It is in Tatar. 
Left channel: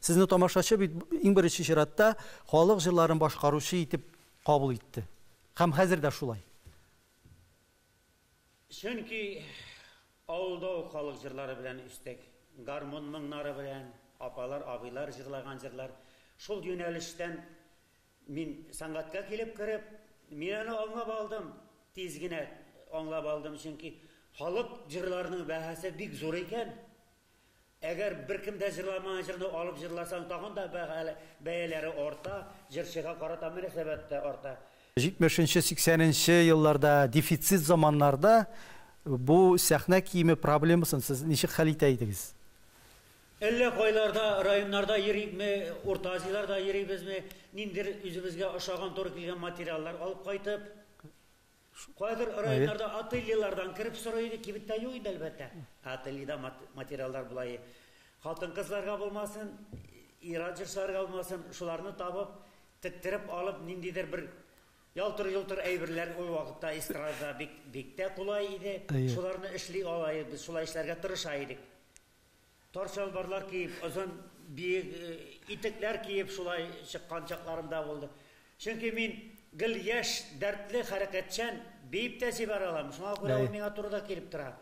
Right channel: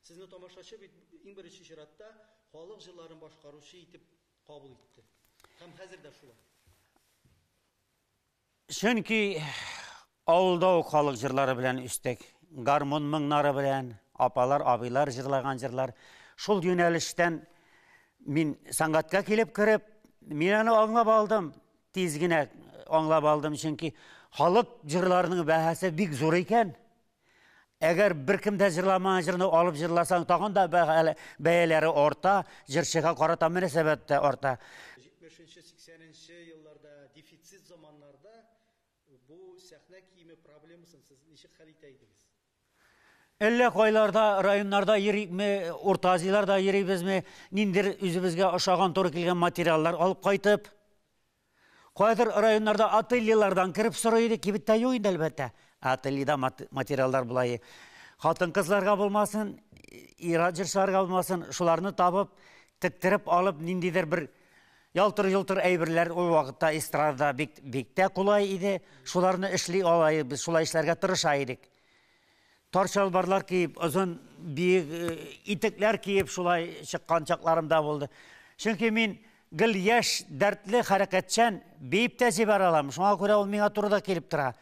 Сезне тамашачы бит иң беренче чиратта халык җырларын башкаручы итеп кабул итте. Һәм хәзер дә шулай. Чөнки авылда ук халык җырлары белән үстек, гармон моңнары белән, апалар, абыйлар җырлаган җырлар. Шул юнәлештән мин сәнгатькә килеп кереп, мин аны аңлап алдым, тиз генә аңлап алдым, чөнки халык җырларының бәһасе бик зур икән. Әгәр беркем дә җырламаган җырны алып җырласаң, тагын да бәяләре арта, җырчыга карата мөнәсәбәт тә арта. 70-80 елларда дефицит заманнарда бу сәхнә киеме проблемасын сез ничек хәл итә идегез? Әллә кайларда, районнарда йөрикме, Урта Азияларда йөрибезме, ниндер үзебезгә ошаган туры килгән материаллар алып кайтып, кайдыр районнарда ательелардан кирип сорый иде, кибеттә юк инде әлбәттә. Ательеда материаллар булай. Хатын-кызларга булмасын, ир җырчыларга булмасын, шуларны табып, теттереп алып, ниндидер бер ялтыр-йолтыр әйберләр ул вакытта эстрадада бик тә кулай иде. Шуларны эшли алай, без шулай эшләргә тырыша идек. Тарчалбарлар киеп, озын биек итекләр киеп, шулай чыккан чакларым да булды. Чөнки мин гел яшь, дәртле, хәрәкәтчән, биеп тә җибәр алам. Шуңа күрә ул миңа турыда килеп тора.